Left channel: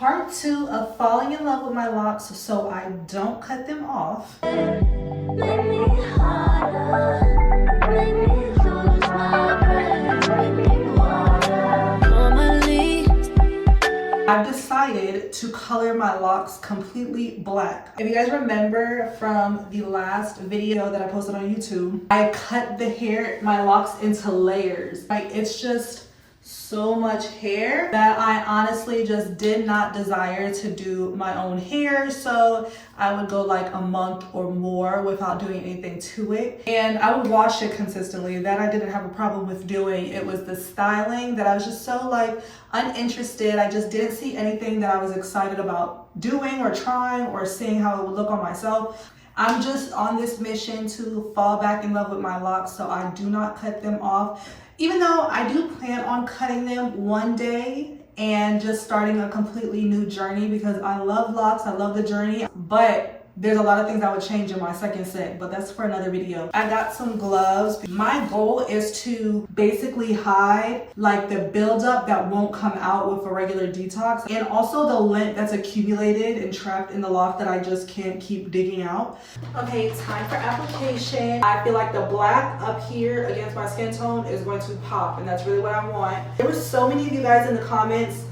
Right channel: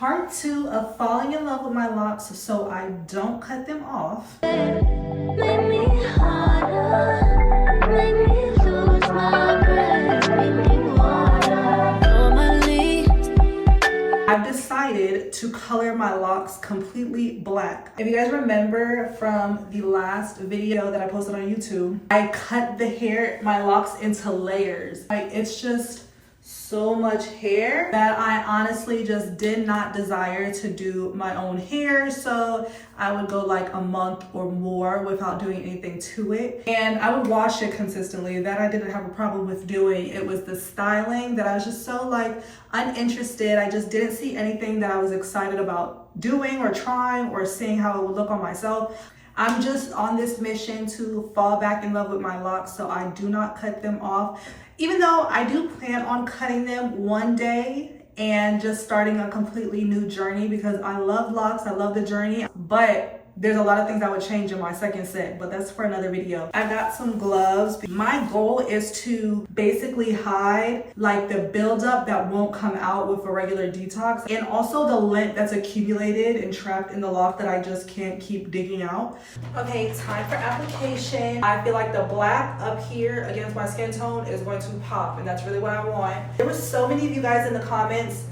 part 2 of falling in love with my locks so I don't cut them off. Make me harder, make me lose my breath, make me water. Normally, I've decided to color my locks completely black. If you guys remember from the last video that I posted on YouTube, I cut my locks into layers. Like, it's just so much hair that I honestly just did not desire to do my own hair, so I would go like a month or more without doing anything to it, and I would wash it consistently. That I didn't have a problem with doing. It was the styling that I was just so like uninterested. I just didn't see anything that I was excited about doing or trying or seeing how it would look on myself. I'm just on this mission to fall back in love with my locks, so I do not cut them off. Even though I do plan on cutting them one day and just starting a completely new journey, because I love locks, I love the journey, but there's a lot of things I would change in my second set, but that's for another video. I got some gloves. My goal is to basically hide like the buildup that won't come out with a regular detox, and also the lint that's accumulated and trapped in the loft that I just can't keep digging out. Okay, time for application. I feel like the black up here against my skin tone is going to pop, and that's really what I want. There were so many of you guys in the comments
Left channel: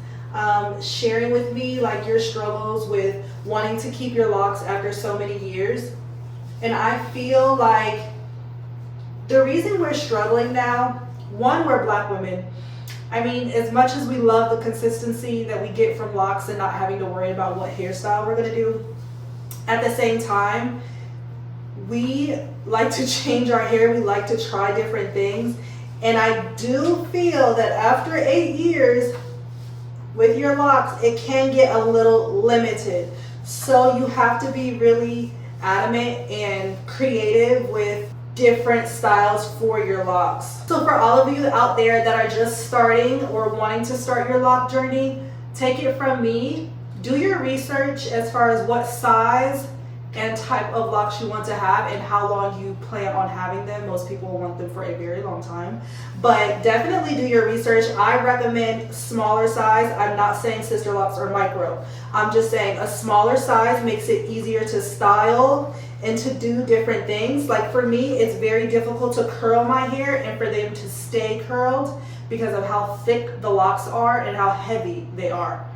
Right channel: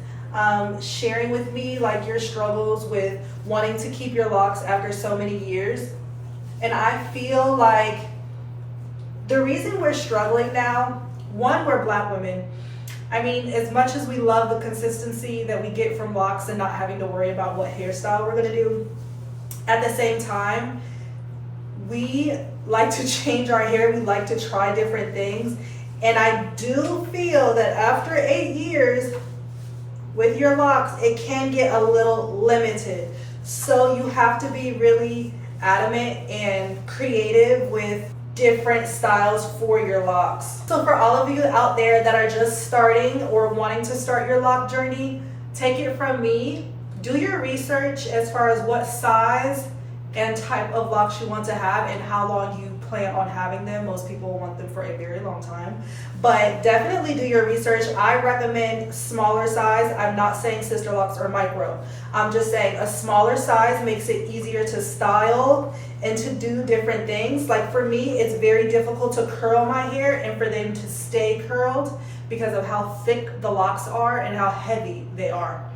sharing with me like your struggles with wanting to keep your locks after so many years, and I feel like the reason we're struggling now, one, we're Black women. I mean, as much as we love the consistency that we get from locks and not having to worry about what hairstyle we're gonna do, at the same time we like to change our hair, we like to try different things, and I do feel that after 8 years with your locks, it can get a little limited. So you have to be really adamant and creative with different styles for your locks. So for all of you out there that are just starting or wanting to start your lock journey, take it from me. Do your research as far as what size and type of locks you want to have and how long you plan on having them. Most people want them for a very long time, but definitely do your research. I recommend smaller size. I'm not saying sister locks or micro. I'm just saying a smaller size makes it easier to style and to do different things. Like for me, it's very difficult to curl my hair and for them to stay curled because of how thick the locks are and how heavy they are.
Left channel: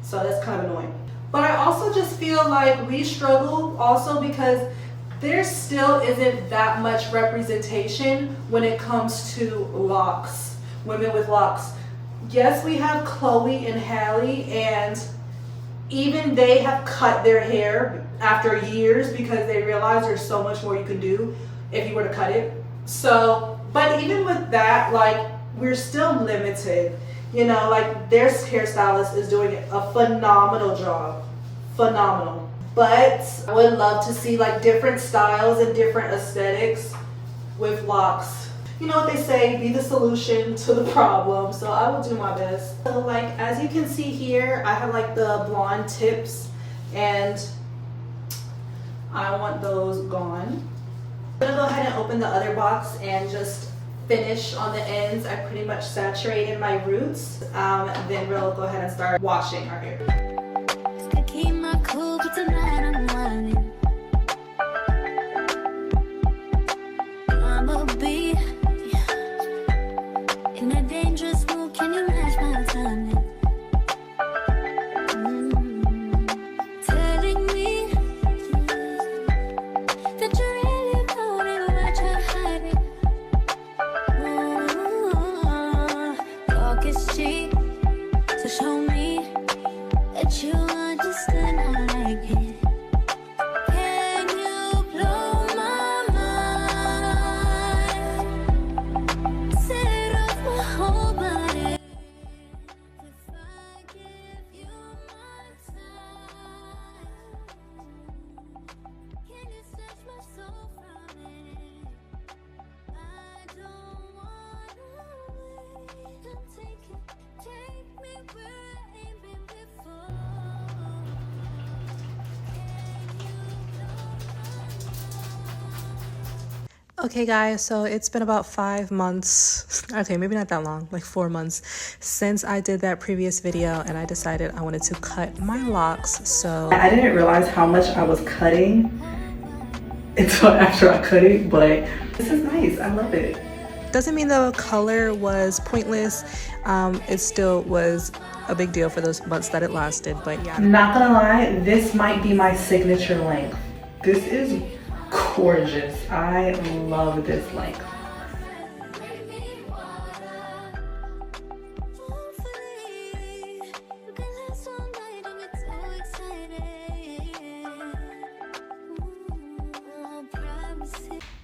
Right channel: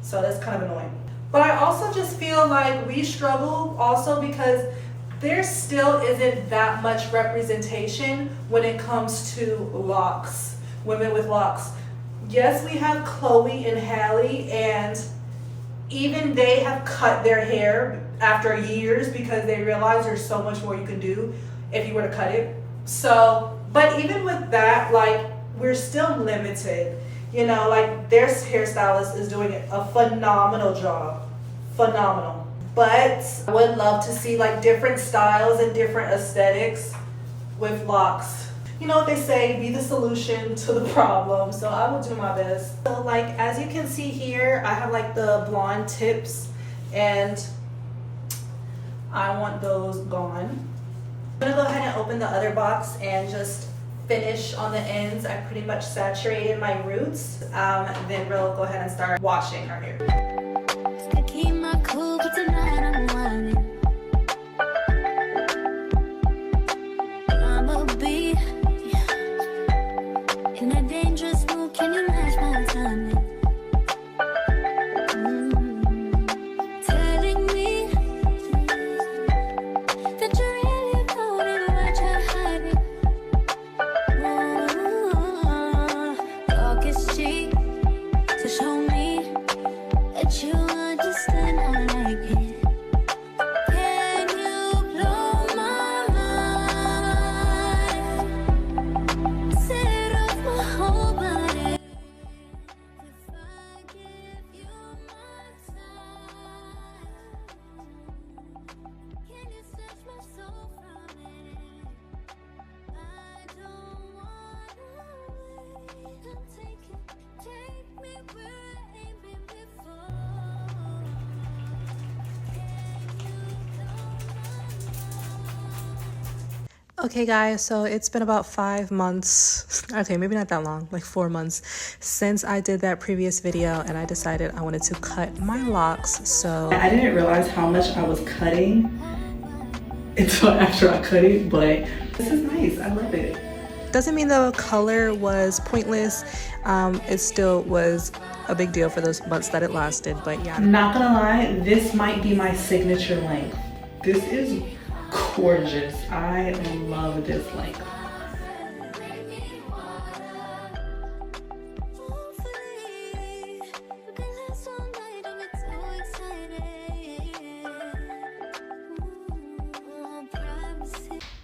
So that's kind of annoying. But I also just feel like we struggle also because there still isn't that much representation when it comes to locks, women with locks. Yes, we have Chloe and Hallie, and even they have cut their hair after years because they realize there's so much more you can do if you were to cut it. So, but even with that, like, we're still limited. You know, like their hairstylist is doing a phenomenal job. Phenomenal. But I would love to see like different styles and different aesthetics with locks. You know what they say, be the solution to the problem. So I will do my best. So like as you can see here, I have like the blonde tips and I want those gone. I'm gonna go ahead and open the other box and just finish on the ends. I pretty much saturated my roots. Then we'll go ahead and start washing our hair. still keep my cool, but tonight I'm whining. I'ma be in a dangerous mood. Can you match my timing? Telling me that you're really about it, what you're hiding. Talk is cheap, so show me that you understand I like it. Can you blow my mind? Set off my whole body. If I give you my time, can you snatch my soul from it? I don't wanna wait. Take me where I ain't been before. Okay guys, so it's been about 5 months, okay, maybe not that long, like 4 months since I did that previous video and I decided I wanted to cut my locks. So I didn't realize how much I was cutting until after I cut it, but this is nice. I love it. Doesn't mean the color was pointless. It still was a big deal for those months that it lasted, but yeah. Not gonna lie, this might be my signature length. This is gorgeous. I love this length.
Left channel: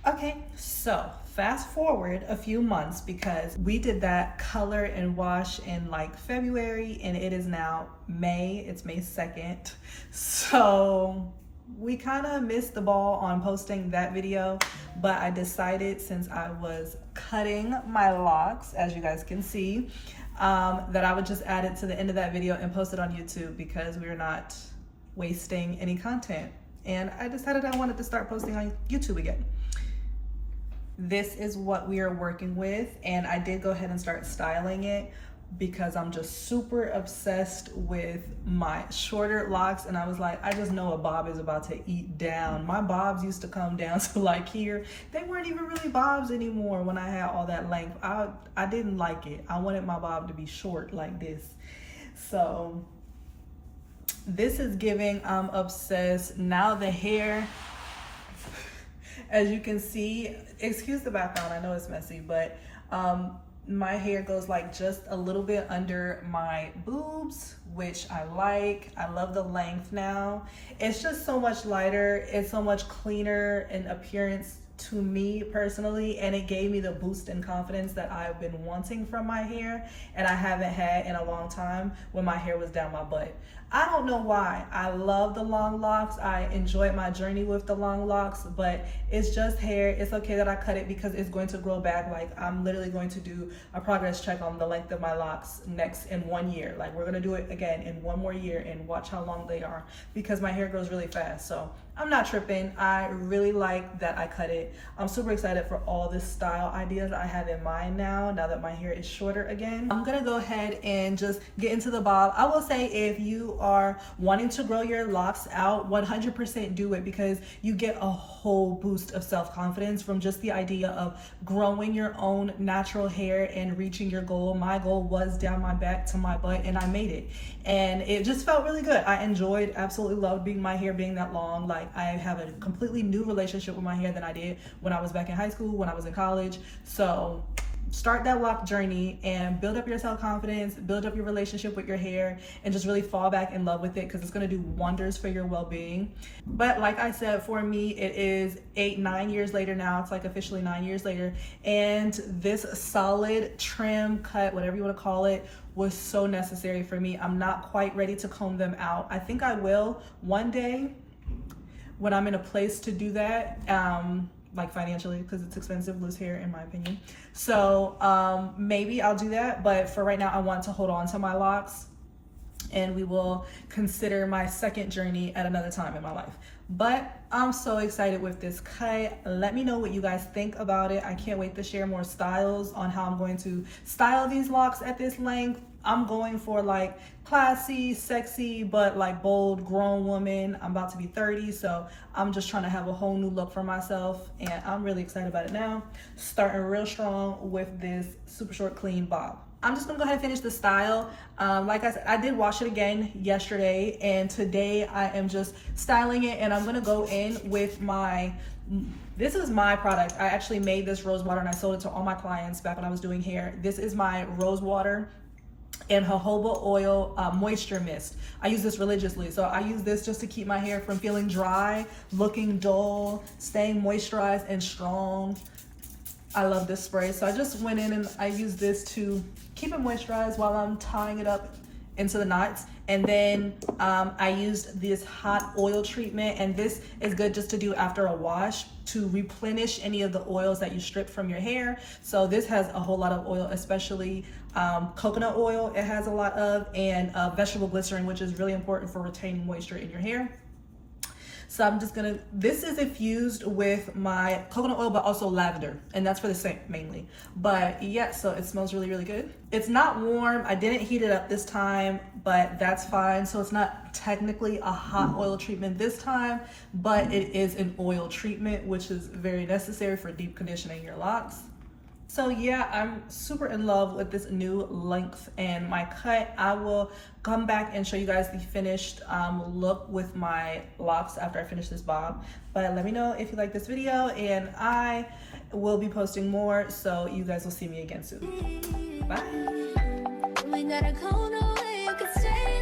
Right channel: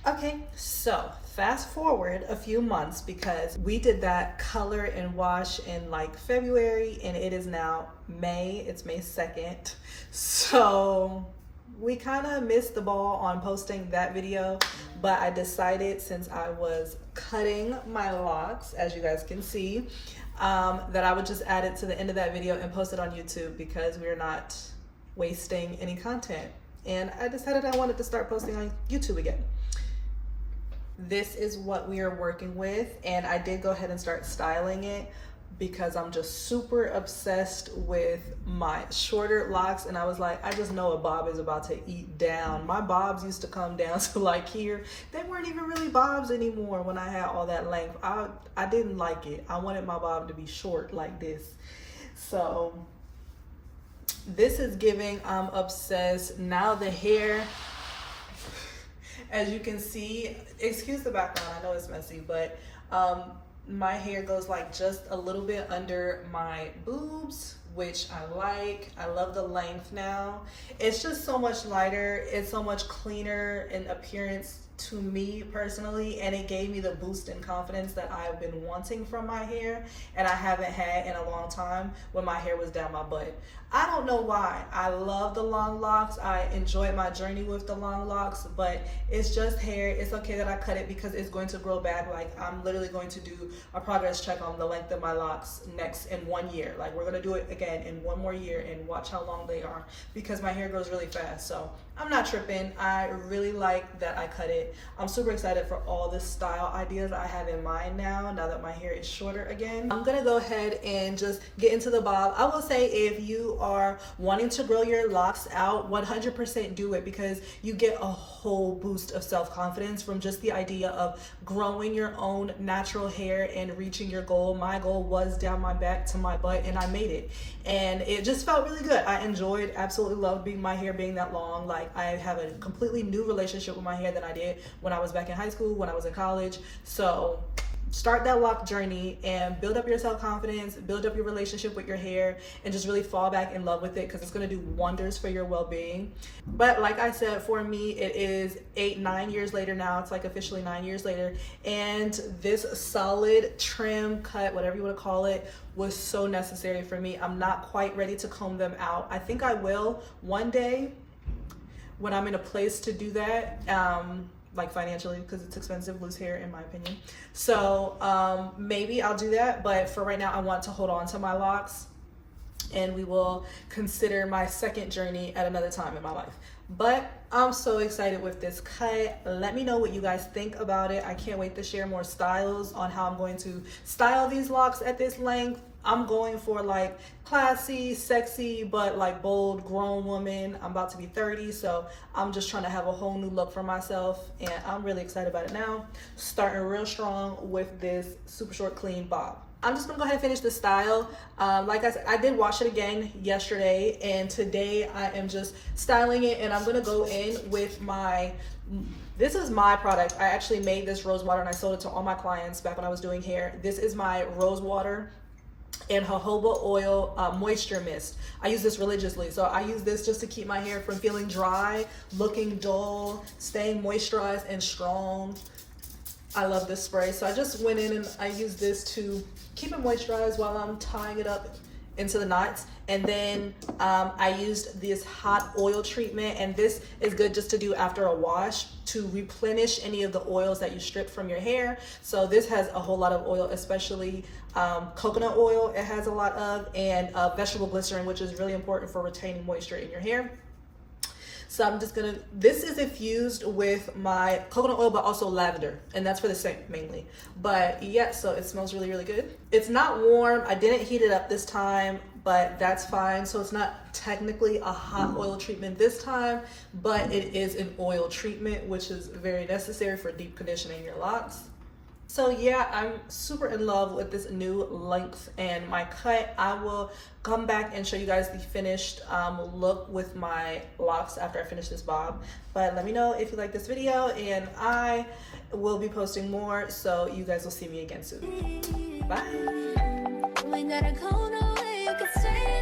Okay, so fast forward a few months because we did that color and wash in like February and it is now May. It's May 2nd. So we kind of missed the ball on posting that video, but I decided since I was cutting my locks, as you guys can see, that I would just add it to the end of that video and post it on YouTube because we're not wasting any content. And I decided I wanted to start posting on YouTube again. This is what we are working with, and I did go ahead and start styling it because I'm just super obsessed with my shorter locks, and I was like, I just know a bob is about to eat down. My bobs used to come down to like here. They weren't even really bobs anymore when I had all that length. I didn't like it. I wanted my bob to be short like this. So this is giving I'm obsessed. Now the hair, as you can see, excuse the background, I know it's messy, but my hair goes like just a little bit under my boobs, which I like. I love the length now. It's just so much lighter. It's so much cleaner in appearance to me personally, and it gave me the boost in confidence that I've been wanting from my hair and I haven't had in a long time when my hair was down my butt. I don't know why. I love the long locks. I enjoyed my journey with the long locks, but it's just hair. It's okay that I cut it because it's going to grow back. Like, I'm literally going to do a progress check on the length of my locks next in 1 year. Like, we're gonna do it again in 1 more year and watch how long they are because my hair grows really fast. So I'm not tripping. I really like that I cut it. I'm super excited for all the style ideas I have in mind now that my hair is shorter again. I'm gonna go ahead and just get into the bob. I will say if you are wanting to grow your locks out, 100% do it because you get a whole boost of self-confidence from just the idea of growing your own natural hair and reaching your goal. My goal was down my back to my butt and I made it. And it just felt really good. I enjoyed, absolutely loved my hair being that long. Like, I have a completely new relationship with my hair than I did when I was back in high school, when I was in college. So start that lock journey and build up your self-confidence, build up your relationship with your hair, and just really fall back in love with it because it's going to do wonders for your well-being. But like I said, for me, it is 9 years later now. It's like officially 9 years later, and this solid trim cut, whatever you want to call it, was so necessary for me. I'm not quite ready to comb them out. I think I will one day when I'm in a place to do that, like financially, because it's expensive to lose hair in my opinion. So maybe I'll do that, but for right now I want to hold on to my locks and we will consider my second journey at another time in my life. But I'm so excited with this cut. Let me know what you guys think about it. I can't wait to share more styles on how I'm going to style these locks at this length. I'm going for like classy, sexy, but like bold, grown woman. I'm about to be 30, so I'm just trying to have a whole new look for myself, and I'm really excited about it now. Starting real strong with this super short, clean bob. I'm just gonna go ahead and finish the style. Like I said, I did wash it again yesterday, and today I am just styling it, and I'm gonna go in with this is my product. I actually made this rose water and I sold it to all my clients back when I was doing hair. This is my rose water and jojoba oil moisture mist. I use this religiously. So I use this just to keep my hair from feeling dry, looking dull, staying moisturized and strong. I love this spray. So I just went in and I used this to keep it moisturized while I'm tying it up into the knots. And then I used this hot oil treatment, and this is good just to do after a wash to replenish any of the oils that you stripped from your hair. So this has a whole lot of oil, especially coconut oil it has a lot of, and vegetable glycerin, which is really important for retaining moisture in your hair. So I'm just gonna, this is infused with my coconut oil, but also lavender, and that's for the scent mainly. But yeah, so it smells really, really good. It's not warm. I didn't heat it up this time, but that's fine. So it's not technically a hot oil treatment this time, but it is an oil treatment, which is very necessary for deep conditioning your locks. So yeah, I'm super in love with this new length and my cut. I will come back and show you guys the finished look with my locks after I finish this bob. But let me know if you like this video, and I will be posting more, so you guys will see me again soon. Bye. We gotta go nowhere, you can stay